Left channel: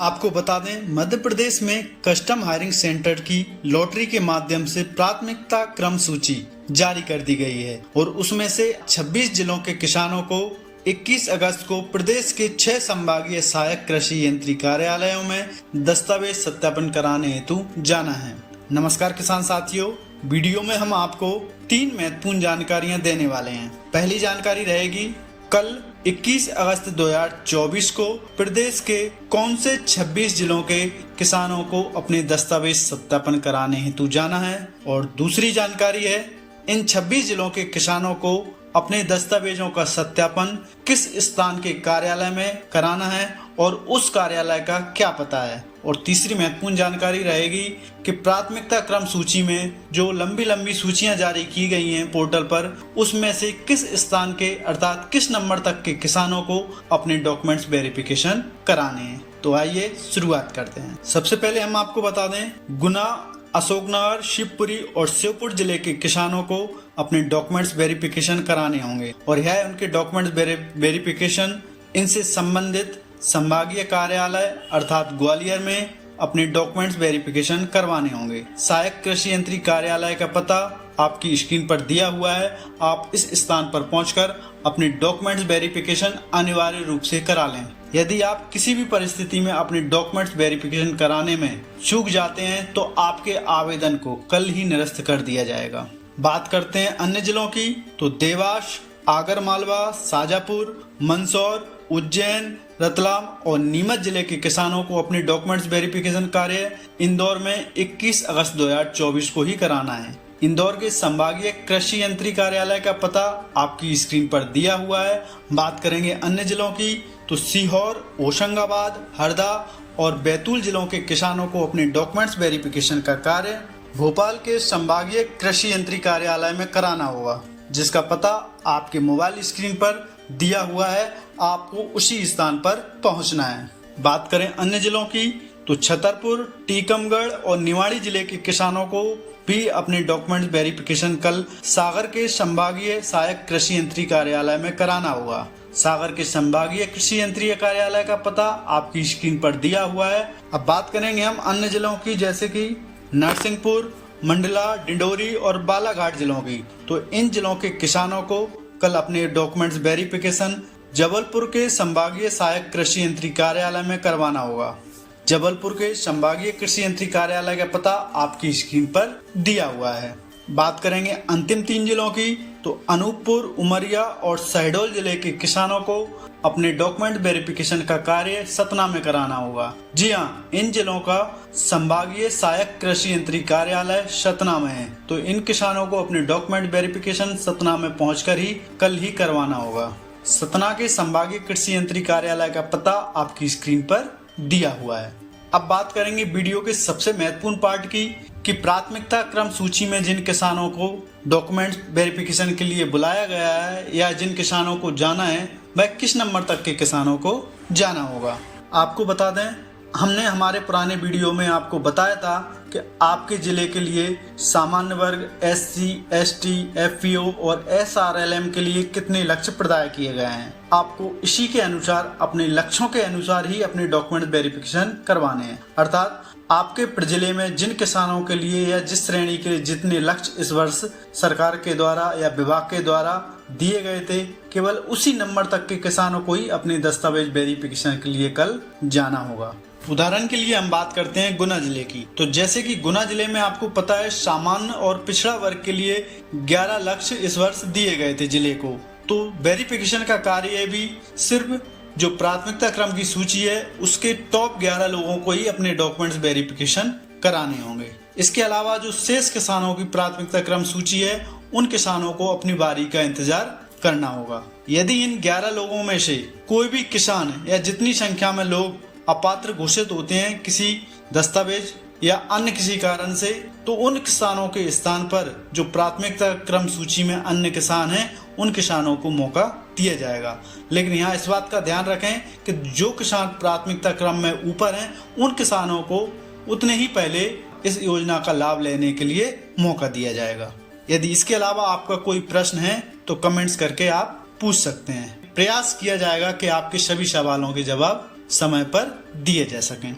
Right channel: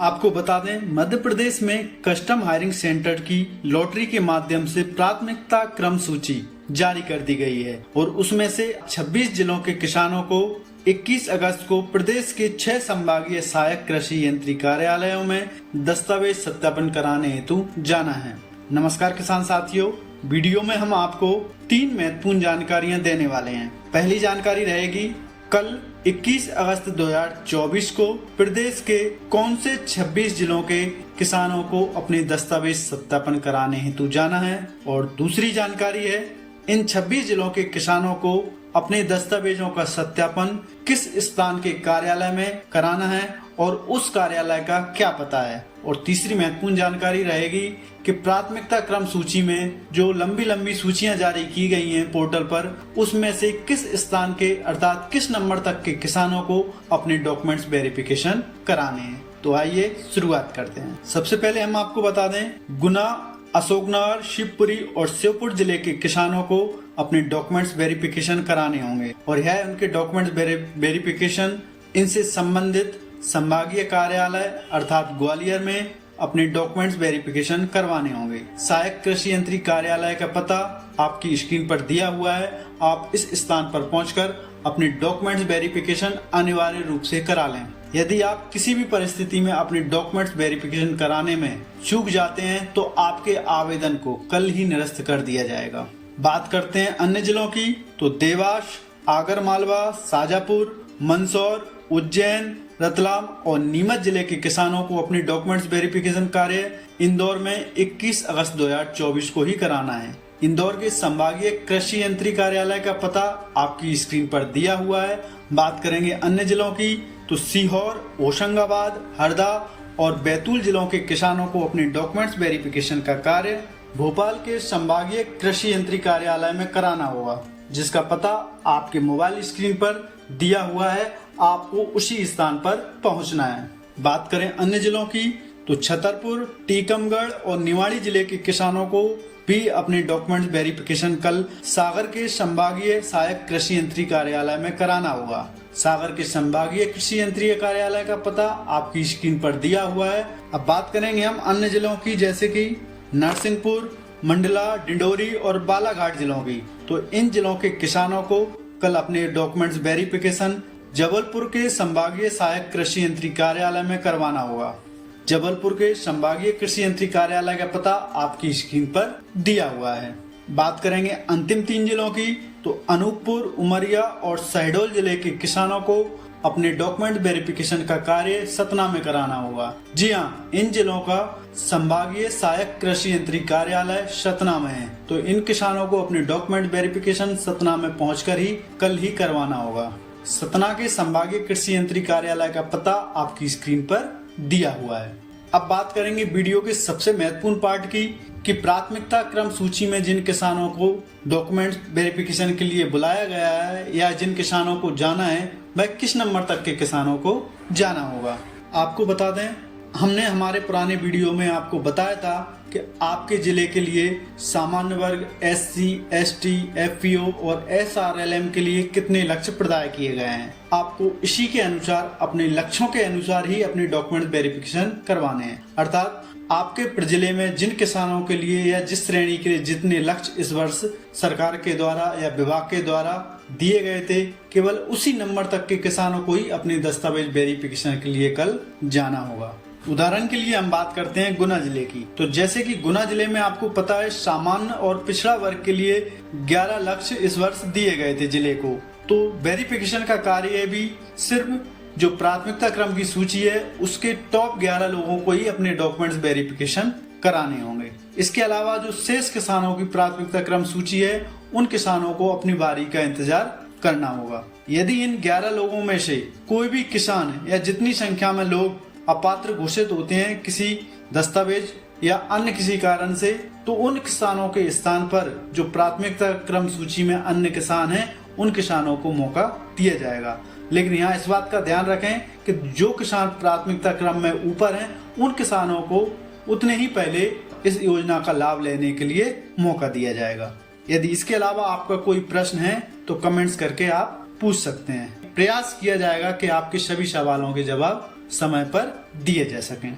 आपको बता दें, मध्य प्रदेश में कस्टम हायरिंग सेंटर की लॉटरी के माध्यम से प्राथमिकता क्रम सूची जारी कर दी गई है और उसमें से 26 जिलों के किसानों को 21 अगस्त को प्रदेश के 6 संभागीय सहायक कृषि यंत्री कार्यालयों में दस्तावेज सत्यापन कराने हेतु जाना है। नमस्कार किसान साथियों, वीडियो में हम आपको 3 महत्वपूर्ण जानकारियां देने वाले हैं। पहली जानकारी रहेगी, कल 21 अगस्त 2024 को प्रदेश के कौन से 26 जिलों के किसानों को अपने दस्तावेज सत्यापन कराने हेतु जाना है। और दूसरी जानकारी है, इन 26 जिलों के किसानों को अपने दस्तावेजों का सत्यापन किस स्थान के कार्यालय में कराना है और उस कार्यालय का क्या पता है। और तीसरी महत्वपूर्ण जानकारी रहेगी कि प्राथमिकता क्रम सूची में जो लंबी सूचियां जारी की गई हैं पोर्टल पर, उसमें से किस स्थान के अर्थात किस नंबर तक के किसानों को अपने डॉक्यूमेंट्स वेरिफिकेशन कराने हैं। तो आइए शुरुआत करते हैं। सबसे पहले हम आपको बता दें, गुना, अशोकनगर, शिवपुरी और श्योपुर जिले के किसानों को अपने डॉक्यूमेंट्स वेरिफिकेशन कराने होंगे और यह उनके डॉक्यूमेंट्स वेरिफिकेशन इनसे संबंधित संभागीय कार्यालय अर्थात ग्वालियर में अपने डॉक्यूमेंट्स वेरिफिकेशन करवाने होंगे। सहायक कृषि यंत्री कार्यालय का पता आपकी स्क्रीन पर दिया हुआ है। आप इस स्थान पर पहुंचकर अपने डॉक्यूमेंट्स वेरिफिकेशन अनिवार्य रूप से करा लें। यदि आप किसी भी परिस्थिति में अपने डॉक्यूमेंट्स वेरिफिकेशन कराने में चूक जाते हैं तो आपके आवेदन को कल ही निरस्त कर दिया जाएगा। बात करते हैं अन्य जिलों की, तो देवास, आगरमालवा, शाजापुर, मंदसौर, उज्जैन, रतलाम और नीमच जिले के किसानों को अपने डॉक्यूमेंट्स वेरिफिकेशन कार्य इंदौर में 21 अगस्त 2024 को ही कराना है। इंदौर के संभागीय कृषि यंत्री कार्यालय का पता आपकी स्क्रीन पर दिया हुआ है। बात करेंगे अन्य जिलों की, तो सीहोर, होशंगाबाद, हरदा और बैतूल जिलों के किसानों को अपने डॉक्यूमेंट्स वेरिफिकेशन का कार्य भोपाल के संभागीय कृषि यंत्री कार्यालय में कराना होगा, जिसका पता आपके मोबाइल स्क्रीन पर दिया हुआ है। आपको उसी स्थान पर पहुंचना है। बात करें अन्य जिलों की, तो छतरपुर, टीकमगढ़ और निवाड़ी जिले के किसानों को भी अपने डॉक्यूमेंट वेरिफिकेशन कल सागर के संभागीय सहायक कृषि यंत्री कार्यालय में कराना होगा। सागर के संभागीय कृषि यंत्री कार्यालय का पता आपकी स्क्रीन पर दिया हुआ है। अब बात करेंगे हम अन्य जिलों की, जैसे कि नरसिंहपुर, मंडला, डिंडोरी और बालाघाट जिलों की। तो इन जिलों के किसानों को कल अपने डॉक्यूमेंट्स वेरिफिकेशन जबलपुर के संभागीय सहायक कृषि यंत्री कार्यालय में करवाना होगा। जबलपुर के संभागीय कृषि यंत्री कार्यालय का पता आपकी स्क्रीन पर दिया हुआ है। बात करेंगे अंतिम 3 जिलों की, तो अनूपपुर, उमरिया और शहडोल जिले के किसानों को अपने डॉक्यूमेंट वेरिफिकेशन का कार्य सतना में कराना होगा। जी हाँ, इन जिलों का संभागीय सहायक कृषि यंत्री कार्यालय सतना में है। तो इन किसानों को अपने डॉक्यूमेंट वेरिफिकेशन सतना में पहुंचकर ही कल ही करवाना होगा। सतना के संभागीय कृषि यंत्री कार्यालय का पता आपकी स्क्रीन पर दिया हुआ है। अब बात करेंगे वीडियो के सबसे महत्वपूर्ण पार्ट की, कि प्राथमिकता क्रम सूची में जिन किसानों को डॉक्यूमेंट वेरिफिकेशन के लिए बुलाया गया है या जिन किसानों को जाना है, वह किस नंबर तक के किसानों को जाना होगा। आपको बता दें, हमने हमारे पुराने वीडियो में आपको बताया था कि आपके जिले के लिए सामान्य वर्ग, SC, ST, FPO और SRLM के लिए कितने लक्ष्य प्रदाय किए गए हैं। आपको इसी के अनुसार, अपने लक्ष्यों के अनुसार ही अपने डॉक्यूमेंट वेरिफिकेशन करवाने हैं। अर्थात आपके जिले में जिन किसानों के लिए या जिस श्रेणी के लिए जितने लक्ष्य इस वर्ष सरकार के द्वारा या विभाग के द्वारा दिए गए थे, केवल उसी नंबर तक के किसानों को ही अपने दस्तावेज वेरिफिकेशन के लिए कल जाना होगा। उदाहरण के लिए हम बात करते हैं गुना जिले की। तो जैसे कि गुना जिले में आपको पता है, सामान्य और पिछड़ा वर्ग के लिए 11 लक्ष्य इस वर्ष दिए गए थे जिले को। तो वेरिफिकेशन का कार्य भी सिर्फ जो प्राथमिकता क्रम की सूची है उसके टॉप 11 लोगों को ही अपने डॉक्यूमेंट्स वेरिफिकेशन कराने होंगे। इसके अलावा जो शेष किसानों की प्राथमिकता क्रम सूची है, उन किसानों को अपनी बारी का इंतजार करना होगा। यदि इन 11 लोगों में से कोई भी किसान या जितनी संख्या में लोग अपात्र घोषित होते हैं किसी दस्तावेज या अन्य किसी कारण से, तो उन किसानों के स्थान पर जो प्राथमिकता क्रम सूची में अन्य किसान हैं, उन किसानों को मौका दिया जाएगा। लेकिन यहाँ इस बात का ध्यान रखें कि जो किसान प्राथमिकता क्रम में ऊपर हैं, उन किसानों को उतने ही पहले इस योजना का लाभ लेने के लिए मौका दिया जाएगा। यदि इसके अलावा आपका कोई प्रश्न है तो कमेंट्स करके आप पूछ सकते हैं। प्रयास किया जाएगा कि आपके सभी सवालों के जवाब समय पर दिए जा सकें।